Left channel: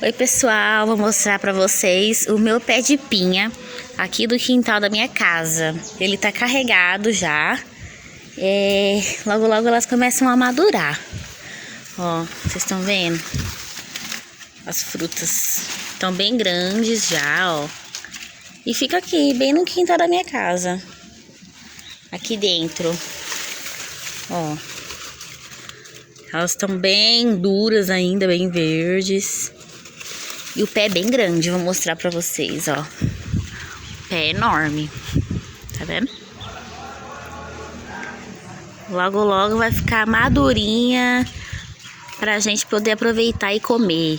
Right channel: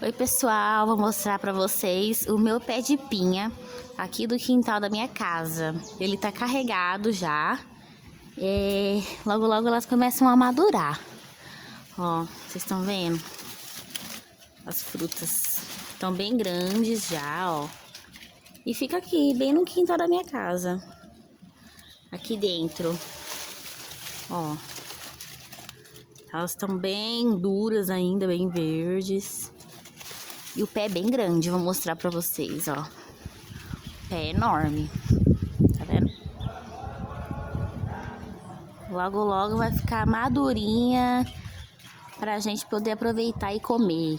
Oi pessoal, vou mostrar pra vocês o meu pé de pinha aqui do quintal da minha casa. Ele tá carregado já. Logo logo elas começam a madurar. Ó, vocês estão vendo? As frutas estão bem grandes já, ó. E fica aqui, bem no quintal da minha casa. Aqui dentro. Ó. Elas estão bem duras ainda, bem verdes. E o pé é bem grande, vou mostrar pra vocês, ó. O pé é enorme. Tá vendo? Logo, logo vai ficar madurinha pra gente poder aproveitar e comer.